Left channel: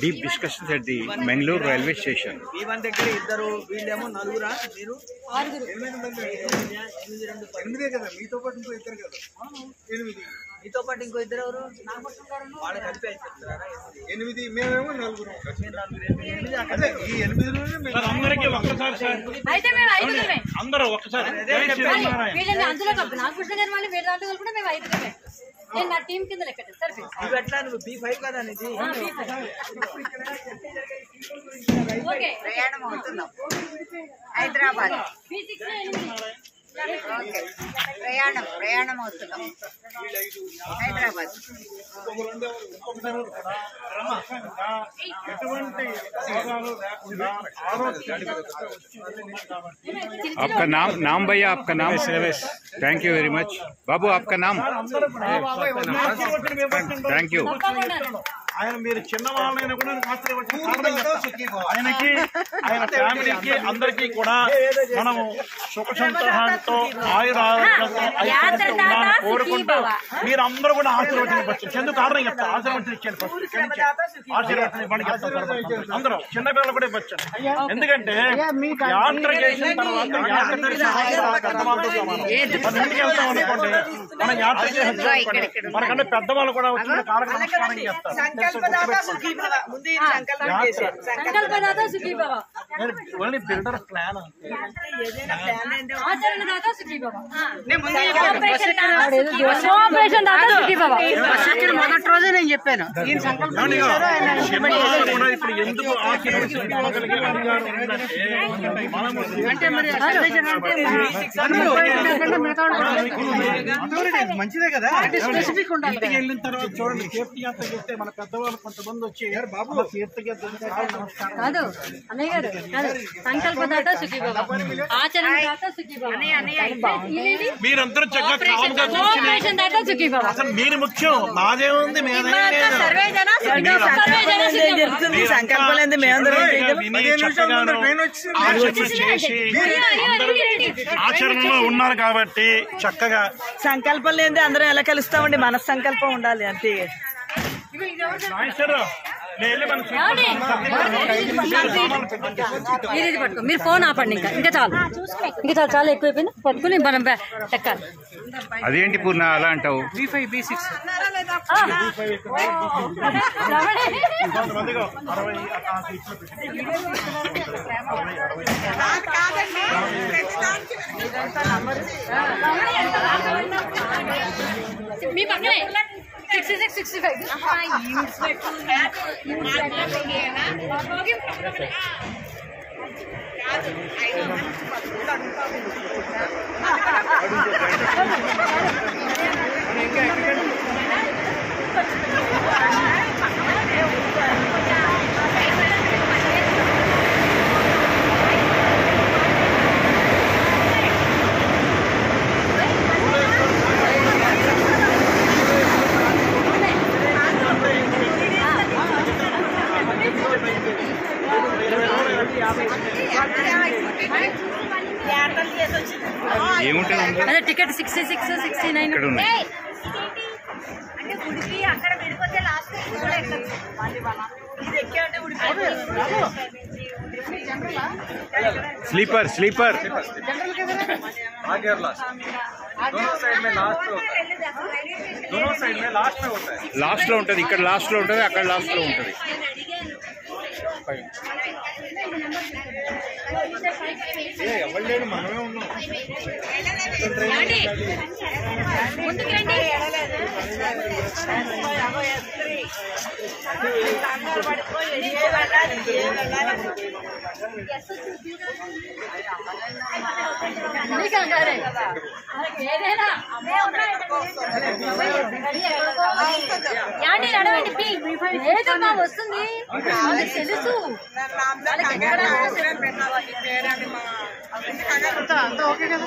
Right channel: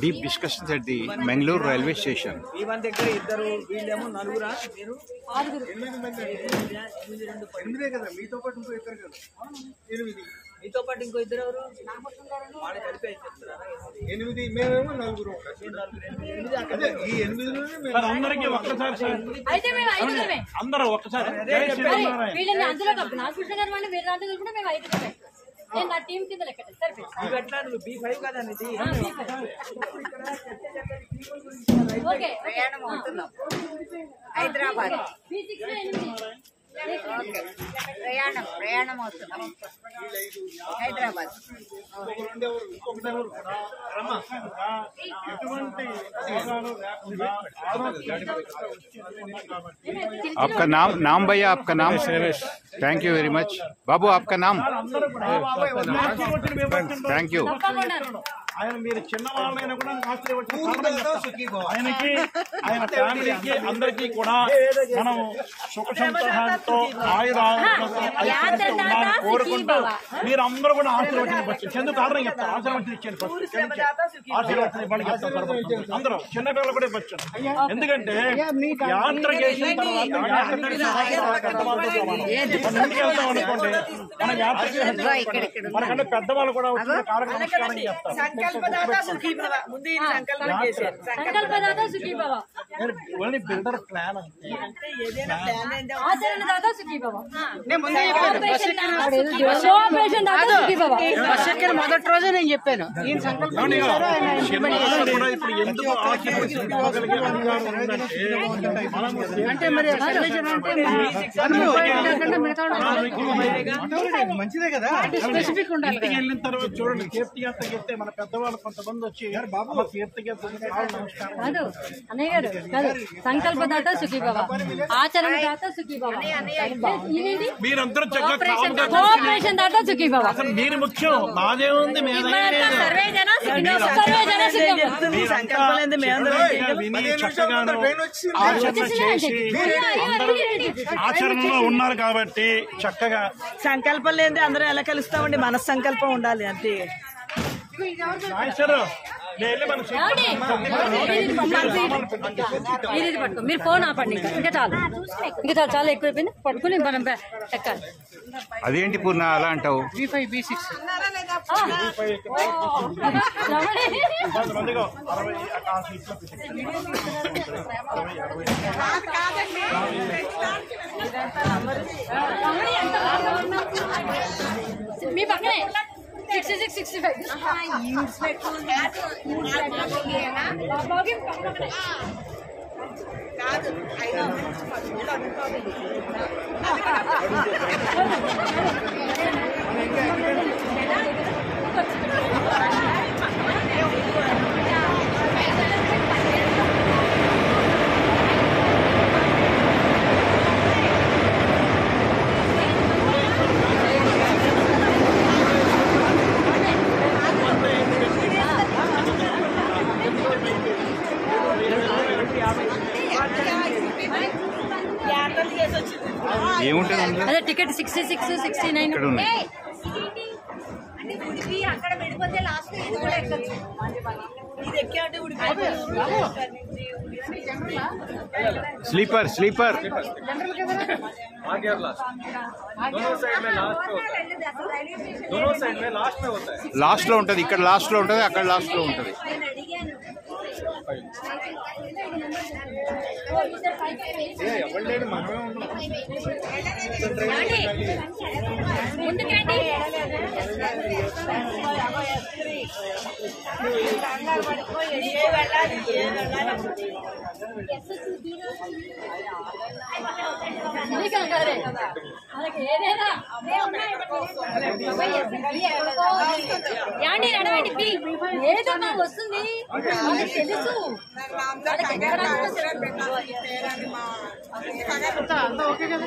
Deep discussions at the Mangalore railway station. మీతో పాటు ఇంకో ఇద్దరు ఎవరు వాళ్ళ కలిపి చెప్తారా 8 మేమేమో 4 అందరికీ ఒక్కసారి సార్ అయితే మేము 5 అందరూ ఒక్కసారి వీళ్ళని అందులో కప్పు నాగభూషణ గారు మళ్ళీ వేరే దాంట్లో కూడా మేము 5 నేను నా టీం కింద లెక్క సార్ ఇవి ఎట్లా నువ్వు B5 కదా అనేది ఓకే ప్రయాణం అవుతున్నాం హైదరాబాద్ B6 ప్రయాణం అవుతున్నాం హైదరాబాద్ आपका नाम भैया, आपका नाम? थैंक यू वेरी मच बाबू, आपका नाम? Thank you. ఆయన మీరు చిన్నవాళ్ళైనా కూడా ఆయనకి ఆయన ఫ్యామిలీకి అందరికీ కూడా మనము సుఖ సంతోషాలతో ఆయురారోగ్యంతో ఐశ్వర్యంతో ఉండాలని కోరుకుంటూ మీరు అందరూ కూడా ఆశీర్వచనం ఎందుకు కారణం చెప్తారు ఆశీర్వచనం ఇచ్చాను ఆశీర్వచనం ఇవ్వండి అందరూ చిన్నపిల్లలు కూడా ఇవ్వచ్చండి ఎందుకంటే యాత్ర చేసిన తర్వాత ఇంటికి వెళ్తాం అనుకోండి మనం యాత్ర చేసిన మనకంటే పెద్దవాళ్ళు కూడా వచ్చిన కారణం నమస్కారం చేస్తారు ఓన్లీ బిల్డర్ ప్లాన్ మొదటి రోజే నేను చెప్పాను ఇప్పుడు ఎందుకు అంటే మరి మంచిదే కదా స్పెసిఫిక్ ఉండాలి. వెళ్ళిన తర్వాత చూడండి తీర్థయాత్ర చెప్తే మన పెద్దవాళ్ళు కొంతమంది వచ్చి బాబు తీర్థయాత్ర నమస్కారం కాదు అన్నయ్య గారు కాదు సంకల్పదాత సుఖీభవ ఆచరణదాత సుఖీభవ మీరందరూ చక్కగా కోఆపరేషన్ దాత సుఖీభవ అసలు మీరు ముఖ్యం మాదేముంది ఆచరణలో ఉన్నారు కాబట్టి చక్కగా సంకల్పం లేని అందరం ఎలా కలుస్తామండి మన సంకల్పం ఉండాలి అంతే పట్టుకో మీరు ఫోన్ ఆపండి ఇంకా చాలు చాలా ఎక్కువైపోయింది పట్టుకుని మనం ఎక్కాలి అదేంటి పూర్ణ అలా అంటావు? B5 B6 కొంతమందిగా 60 మీ పక్కనే 66, 65 అదే టికెట్ 66, 69 ఇక్కడ ఉన్నాయి. అంటే ఉడిపి అక్కడ విడిపోతే లాస్ట్ ఇది కూడా ఎక్కచ్చు ఇది ఎక్కేటే ఉడిపి स्लीपर లాస్ట్ లో ఉంటది, ఇక్కడ లాస్ట్ లో ఉంటది, అక్కడ లాస్ట్ లో ఉంటది. ఏదమ్మా వస్తుంది తెలుసు అంతా ఓకే కదా